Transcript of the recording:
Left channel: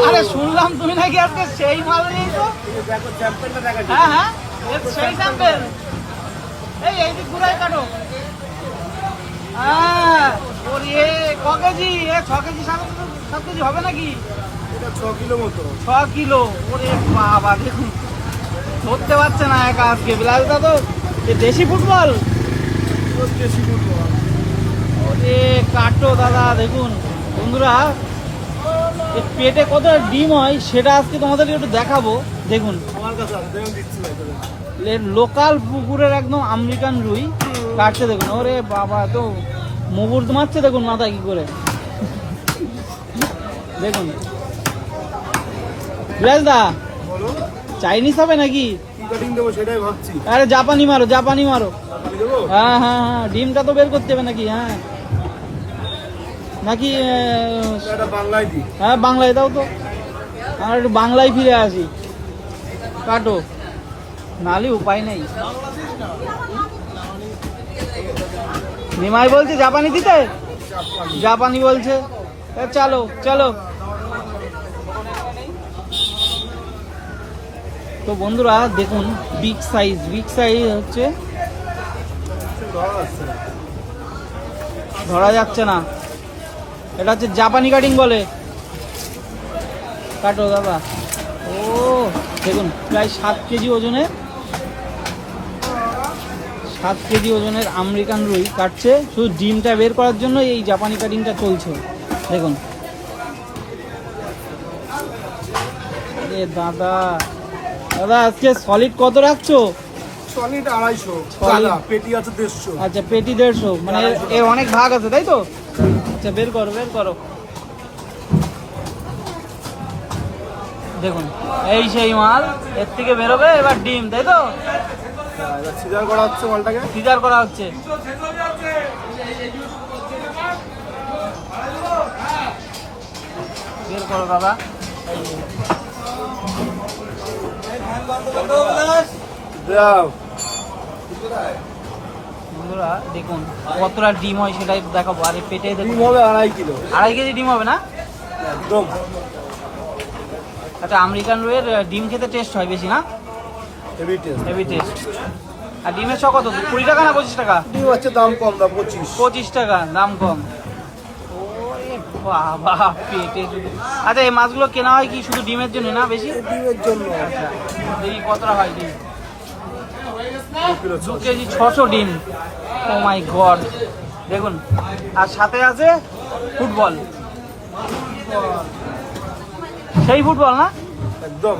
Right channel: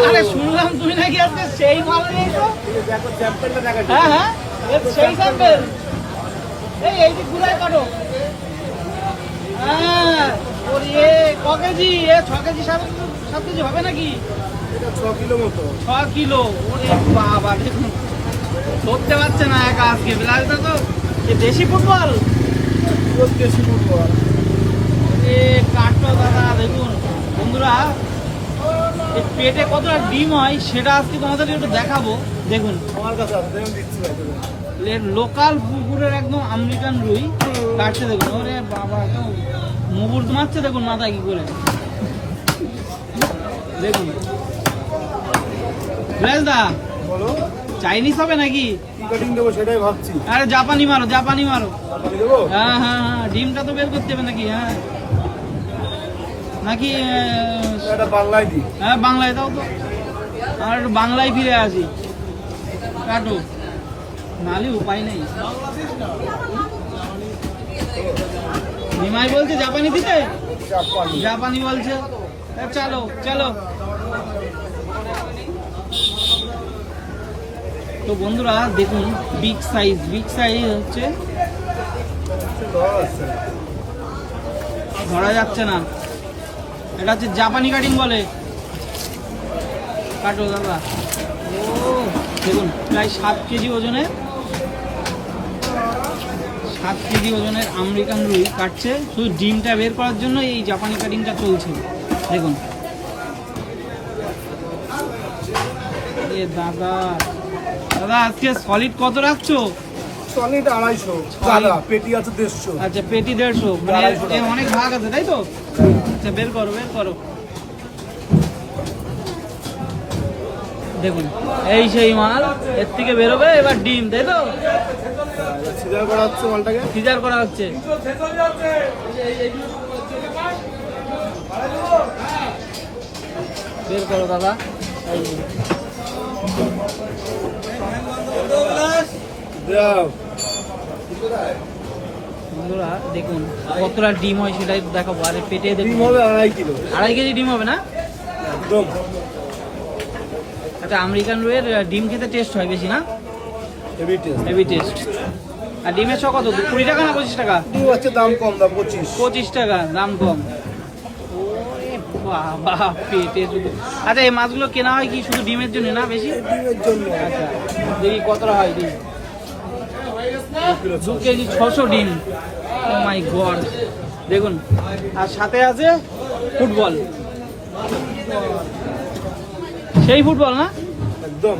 আরে শুনলাম তুমি নাকি আজকে সেই মাল নিয়েছো। দেখো স্যাম্পলটা দেখা যাচ্ছে। হ্যাঁ হ্যাঁ, সেই স্যাম্পল। এই যে ঘুরায় কাটো। হ্যাঁ, ওর ক কেজি? 6 কেজি 7 কেজি হবে নাকি? এটা 6 কিলো মতো। 6 কিলো। ওরে বাবা, দেখুন ধরতে পারছে না একা আজকে। বিলাসদা তো দেশি ফুটবল। দেশি ফুটবল। কাটো দাদা, দেখুন বন্ধুরা, পেটে কতটা ডিম হয় সেটা আজকে তোমাদের একটু দেখাবো। দেখুন আমার কাছে আছে, দেখুন দিচ্ছি ভাই তোদের। লোকাল পুকুরের একদম আমেরিকান রুই কাটছে। দেখুন ওরে বাবা, তো মুগুর মারছে দেখুন মাথায় কি করে। দেখুন বিলাসদা, বলো চাইনিজ হবে নাকি? কি কাটিং দেবো সেটাই ভাবছি। আরে জাপানি মারো, জাপানি মারো। জাপানি দেবো? হ্যাঁ হ্যাঁ হ্যাঁ, ডিমটা তো বের করতে হবে নাকি? হ্যাঁ নাকি এটা বাংলায় দিই। হ্যাঁ বাংলায় দাও তো, আর একটু বাংলায় ফিরে আসি। কাটো, নালে উপায় নেই। নিমাই বলছে জাপানি দিতে, জাপানি। জাপানি বলছে। চলো চলো। তো বন্ধুরা দেখুন, বিগ সাইজ হচ্ছে, ধরা যাচ্ছে না। এটা হচ্ছে জাপানি কাটিং বলে। কাটো দাদা। ও দেখুন, প্রায় 7 কেজি ওজনের, 7 কেজি ওজনের আমেরিকান রুই কাটছে। শুধু ডিমটা বের করার জন্য এই জাপানি কাটিংটা চলছে। দেখুন দাদা, দাদা আজকে সলিড কত রাখছো? সলিড 250। দাদা পেটি আছে 150। আচ্ছা, পেটি 150, মানে এর অনেক ভাগ আছে তাই তো? আচ্ছা, বের করো বের করো। দেখুন এই সেই মাল, এর থেকে বেরোবে এবার ডিম, তাই তো? এবার সিজার করা হচ্ছে মালটাকে। ফিচার করা হচ্ছে। বের করো দাদা। দাও। বন্ধুরা দেখুন কতটা ডিম হয় সেটাই দেখাবো। আর পেটে ডিম দেখুন হবে 2.5 কিলো। 2.5 কেজি ডিম হবে না? একদম। আচ্ছা, আমেরিকান রুইয়ের ডিম খেতে টেস্ট হয় বেশি না? Heavy taste. Heavy taste. আর ডিমের ছ কত? 20 টাকা না 25 টাকা? ডিম হচ্ছে দাম কম, দাম 25। 25 টাকা দাম কম। বাহ বাহ, পেটে শুধু। আচ্ছা, এই মাছগুলো কেনা হয় কি শুধু ডিমের জন্য না বেশি? এই ডিমের জন্য। দেখি কতটা হয় ডিম। 2 2 কেজি 600 ডিম। ও মাই গড, দেখুন। আর সাথে আছে ফুটবল, সেই ফুটবল না? একদম।